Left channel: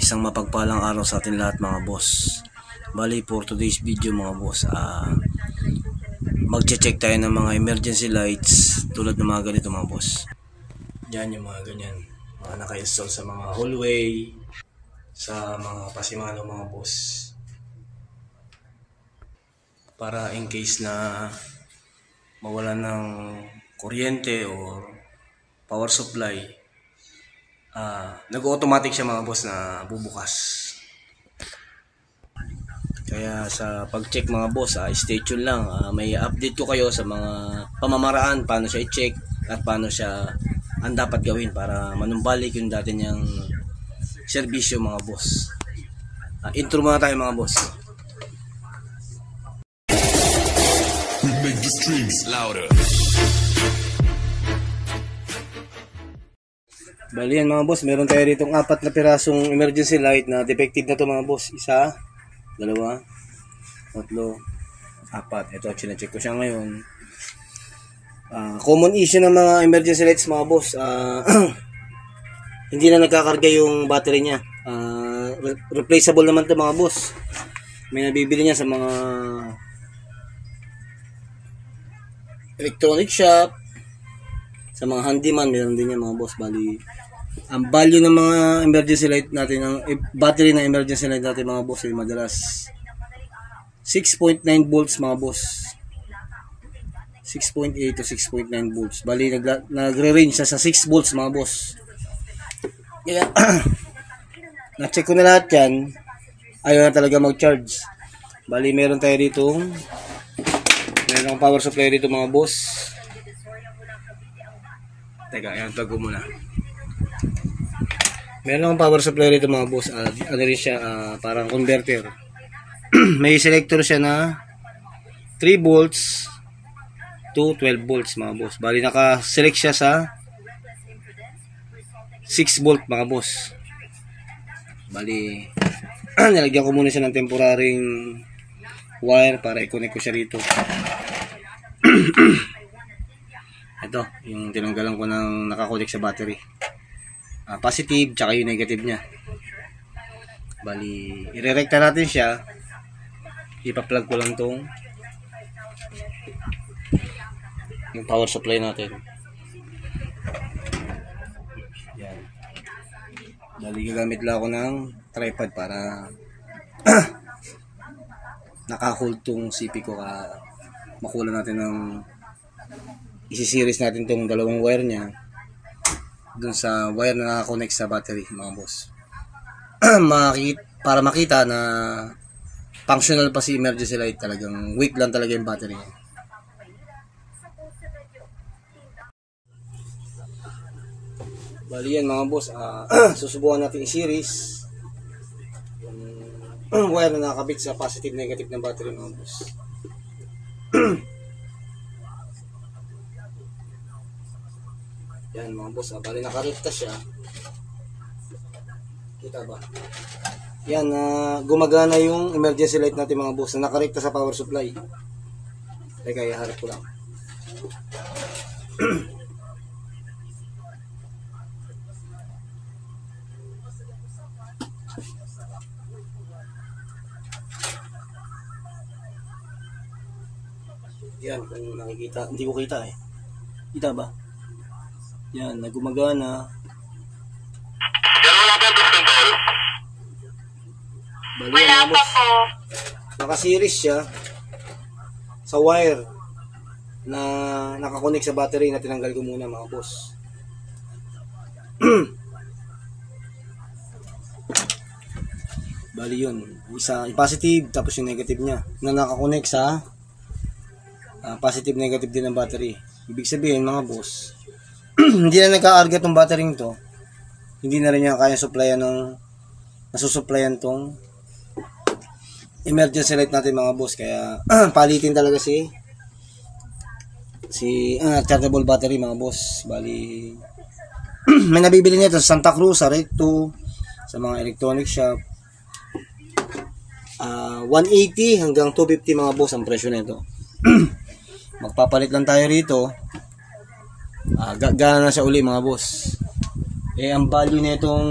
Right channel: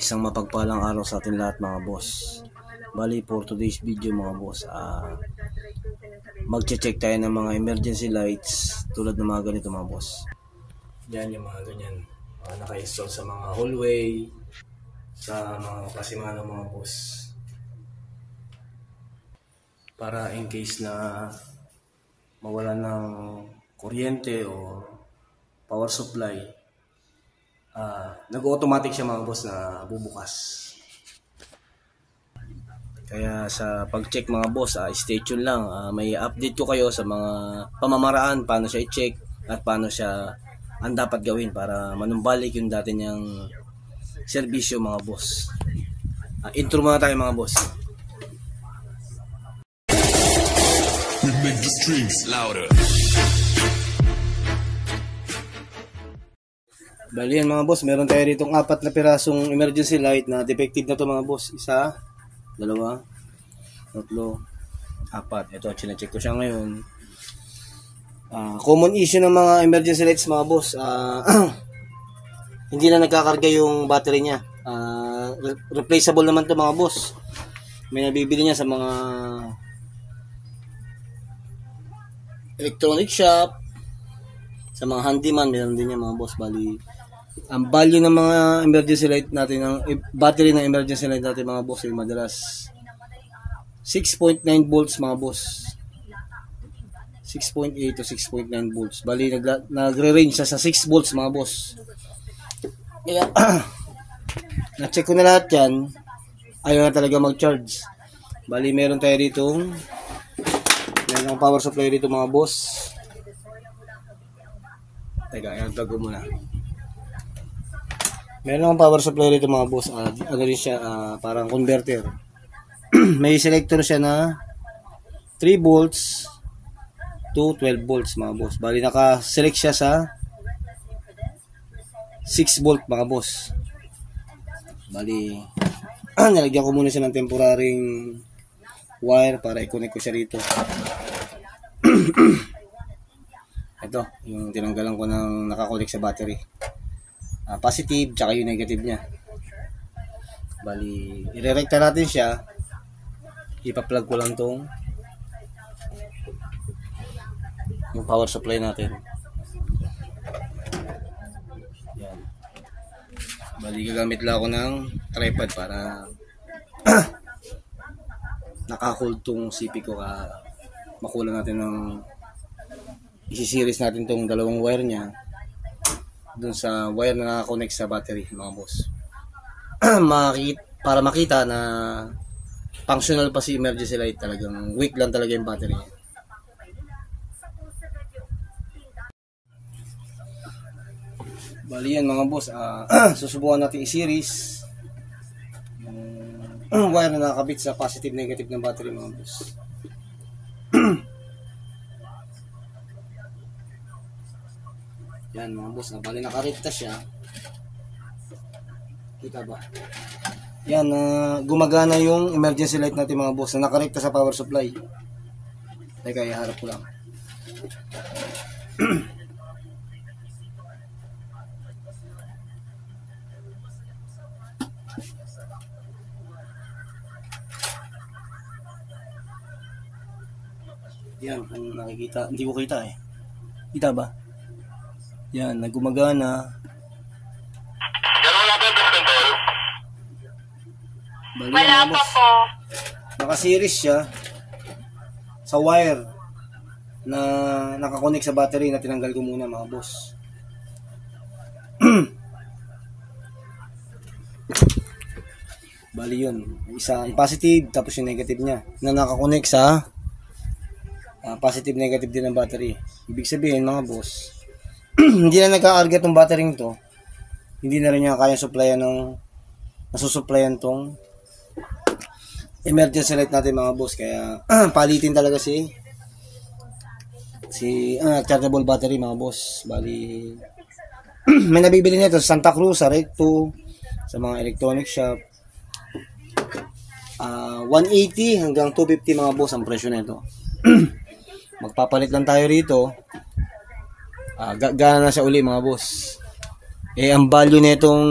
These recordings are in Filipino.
Isang mapagpalang araw sa atin lahat mga boss. Bali for today's video mga boss, magche-check tayo ng mga emergency lights tulad ng mga ganito mga boss. Diyan yung mga ganyan, mga naka-install sa mga hallway, sa mga pasimano mga boss, para in case na mawalan ng kuryente o power supply, nag-automatic siya mga boss na bubukas. Kaya sa pag-check mga boss, stay tuned lang. May update ko kayo sa mga pamamaraan paano siya i-check at paano siya ang dapat gawin para manumbalik yung dati niyang serbisyo mga boss. Intro muna tayo mga boss. Louder. Bali yan mga boss, meron tayo dito 4 na pirasong emergency light na defective na to mga boss. 1, 2, 3, 4. Ito, chinecheck ko siya ngayon. Common issue ng mga emergency lights mga boss, hindi na nagkakarga yung battery niya. Replaceable naman to mga boss. May nabibili niya sa mga electronic shop, sa mga handyman, meron din yan mga boss. Bali, ang value ng mga emergency light natin, ang battery ng emergency light natin mga boss, ay madalas 6.9 volts mga boss. 6.8 to 6.9 volts. Bali, nagre-range sa 6 volts mga boss. Kaya, na-check ko na lahat yan. Ayaw na talaga mag-charge. Bali, meron tayo dito. Meron power supply dito mga boss. Teka, ayan, plug ko muna. Meron akong power supply dito mga boss. Ano rin siya, parang converter. May selector siya na 3 volts to 12 volts mga boss. Bali, naka-select siya sa 6 volt mga boss. Bali, nilagyan ko muna siya ng temporaryng wire para i-connect ko siya rito. Ito, yung tinanggalan ko ng nakakonect sa battery. Positive, tsaka yung negative niya. Bali, irerekta natin siya. Ipa-plug ko lang tong yung power supply natin. Yan. Bali, gagamit lang ako ng tripod para naka-hold tong CP ko, makuha natin ng isi-series natin tong dalawang wire niya dun sa wire na naka-connect sa battery mga boss. Para makita na functional pa si emergency light, talagang weak lang talaga yung battery. Bali yan mga boss, susubukan natin i-series yung wire na nakakabit sa positive negative ng battery mga boss. Yan mga boss, bali nakarekta siya. Kita ba? Yan, gumagana yung emergency light natin mga boss na nakarekta sa power supply. Teka, iharap ko lang. Yan, kung nakikita, hindi ko kita eh. Kita ba? Yan, nagumagana. Bali, wala pa po. Naka-series siya sa wire na nakakonect sa battery na tinanggal ko muna mga boss. Bali yun, isa positive tapos yung negative niya na nakakonect sa positive negative din ng battery. Ibig sabihin mga boss, hindi na nagka-arga tong battery nito, hindi na rin niya kaya supplyan ng nasusuplayan tong emergency light natin mga boss. Kaya palitin talaga si chargeable battery mga boss. Bali, may nabibili nito sa Santa Cruz, sa Recto, sa mga electronic shop. 180 hanggang 250 mga boss ang presyo nito. Magpapalit lang tayo rito. Gana na siya uli mga boss. Ang value nitong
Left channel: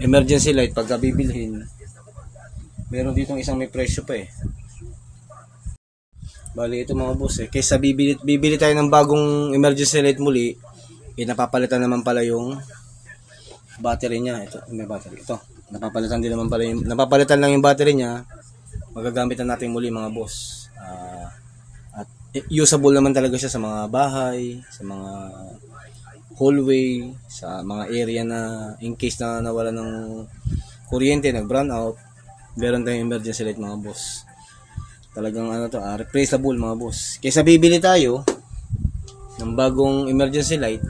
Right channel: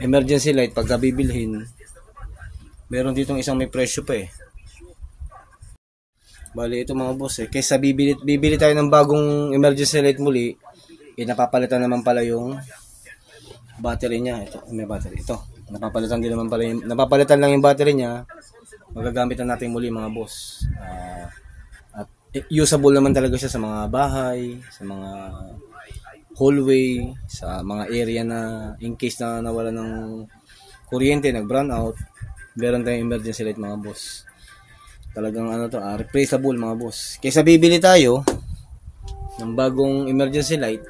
emergency light pagka bibilhin, meron ditong isang may presyo pa eh. Bali ito mga boss eh, kaysa bibili tayo ng bagong emergency light muli, napapalitan naman pala yung battery niya. Ito, may battery ito. Napapalitan lang yung battery niya. Magagamit na natin muli mga boss. At usable naman talaga siya sa mga bahay, sa mga hallway, sa mga area na in case na nawala ng kuryente, nag-brown out, meron tayong emergency light mga boss. Talagang replaceable mga boss. Kaysa bibili tayo ng bagong emergency light,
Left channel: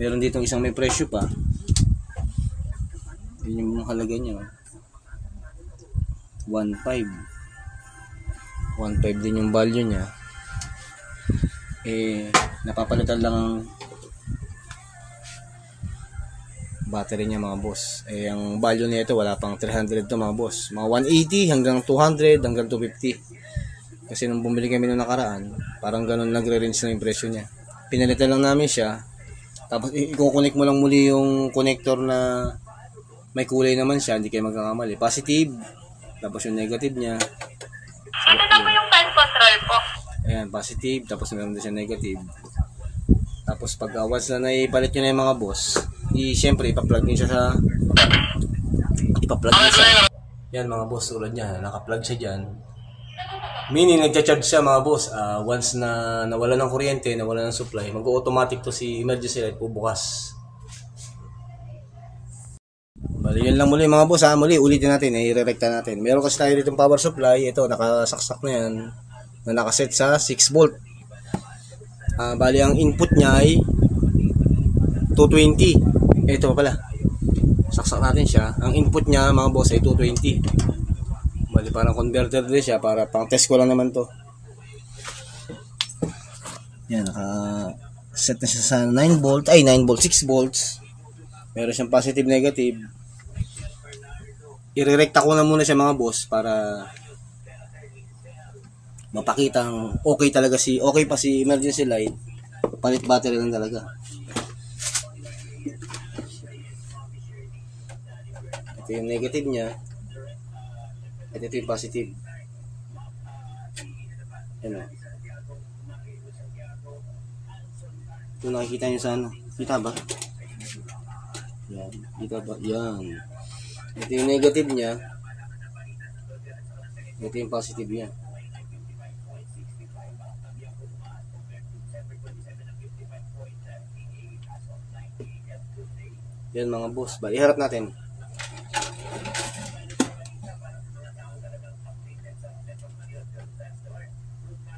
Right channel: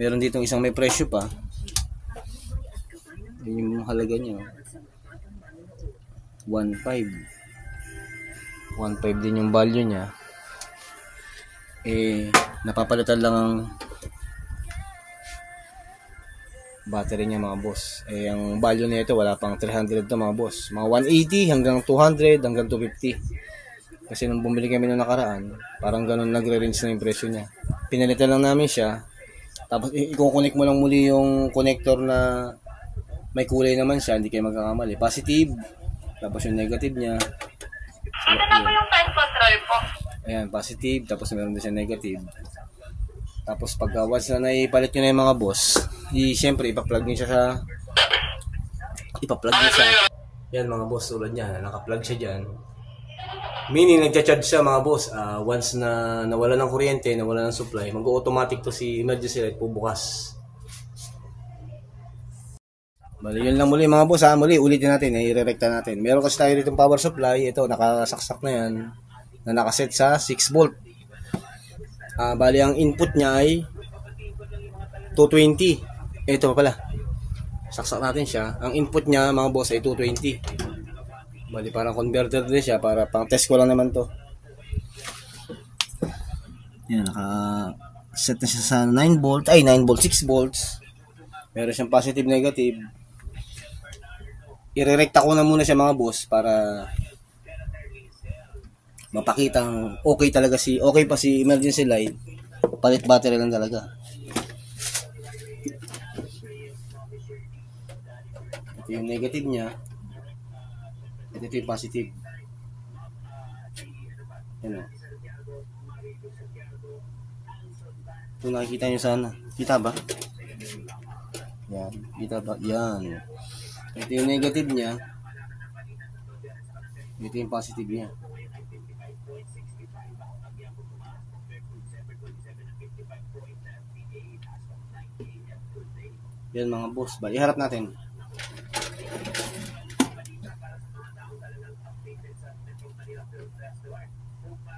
meron dito isang may presyo pa. Yun yung halaga niya. 1.5 din yung value niya. Napapalitan lang ang battery niya mga boss. Ang value nito wala pang 300 to mga boss. Mga 180 hanggang 200 hanggang 250. Kasi nung bumili kami noong nakaraan, parang ganun nagre-range na yung presyo niya. Pinalitan lang namin siya. Tapos i-connect mo lang muli yung connector na may kulay naman siya, hindi kayo magkakamali. Positive, tapos yung negative niya. Ito na po yung fan control po. Ayan, positive, tapos meron din siya negative. Tapos pag once na naipalit nyo na yung mga boss, siyempre ipa-plug nyo siya sa yan mga boss, tulad niya, naka-plug siya dyan. Meaning nagcha-charge siya mga boss. Once na nawala ng kuryente, nawala ng supply, mag-automatic to si emergency light po bukas. Bali yun lang muli mga boss ha. Muli ulitin natin, i-rerekta natin. Meron kasi tayo dito power supply. Ito nakasaksak na yan, na nakaset sa 6 volt. Bali ang input niya ay 220. Ito pala, saksak natin siya. Ang input niya mga boss ay 220. Bali parang converter din siya, para pang test ko lang naman to. Yan, naka-set na siya sa 9 volt, 6 volts. Meron siyang positive, negative. Irerekta ko na muna siya mga boss para mapakitang okay pa si emergency light. Palit battery lang talaga. Ito yung negative niya. Ito yung positive. Yan o. Ito nakikita nyo sana. Kita ba? Yan. Kita ba? Yan. Ito yung negative niya. Ito yung positive niya. Yan mga boss. Bali, iharap natin.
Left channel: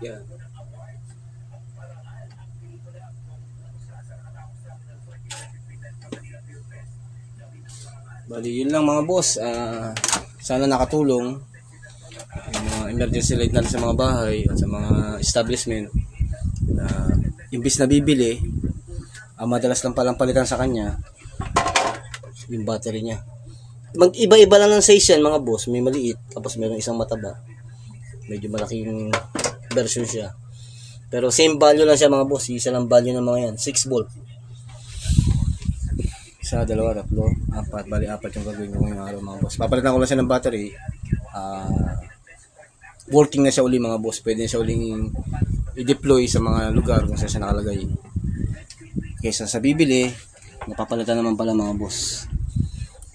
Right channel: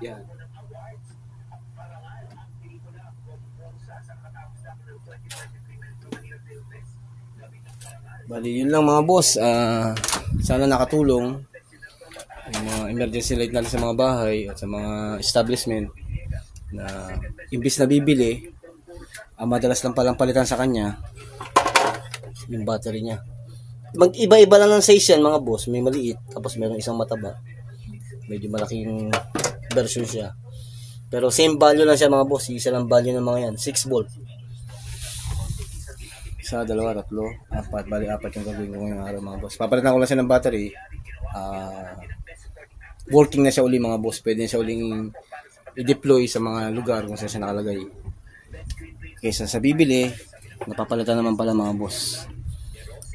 Yan. Bali, yun lang mga boss. Sana nakatulong yung mga emergency light natin sa mga bahay at sa mga establishment na imbis na bibili, madalas lang palang palitan sa kanya yung battery niya. Mag-iba-iba lang ng size yan mga boss. May maliit, tapos mayroong isang mataba. Medyo malaking version siya. Pero same value lang siya mga boss. Isa lang value ng mga yan. 6 volt. Isa, dalawa, tatlo, apat. Bali, apat yung gagawin ko ngayong araw mga boss. Papalitan ko lang siya ng battery. Working na siya uli mga boss. Pwede na siya uling i-deploy sa mga lugar kung saan siya nakalagay. Kaysa sa bibili, napapalitan naman pala mga boss.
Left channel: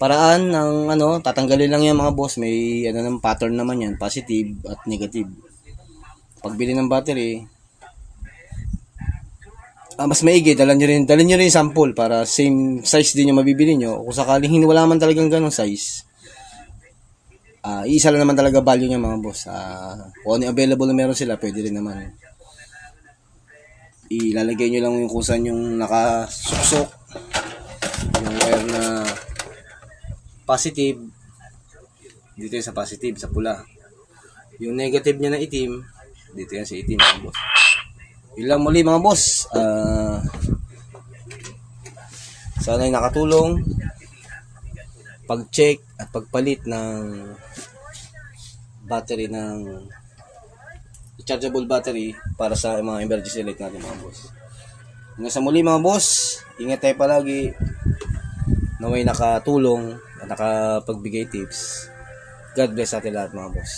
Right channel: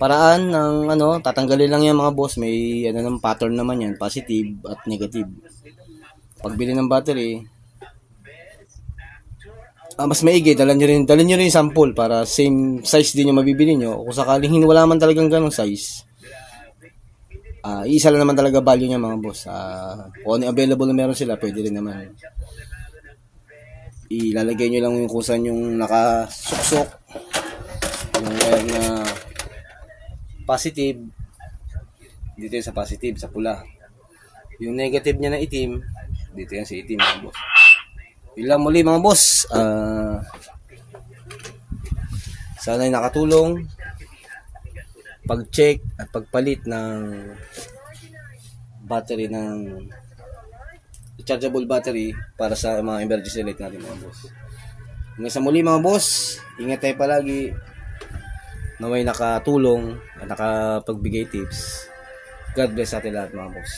Paraan ng tatanggalin lang yan mga boss. May ng pattern naman yan, positive at negative. Pagbili ng battery, mas maigi, dalhin nyo rin yung sample para same size din yung mabibili nyo. Kung sakaling wala man talagang ganong size, isa lang naman talaga value niya mga boss. Kung ano available na meron sila, pwede rin naman. Ilalagay nyo lang yung kung saan yung nakasuksok. Meron na positive, dito yung sa positive, sa pula. Yung negative niya na itim, dito yung sa itim mga boss. Yun lang muli mga boss. Sana ay nakatulong pag-check at pagpalit ng battery, ng rechargeable battery para sa mga emergency light natin mga boss. Hanggang sa muli mga boss, ingat tayo palagi na may nakatulong nakapagbigay tips. God bless natin lahat mga boss.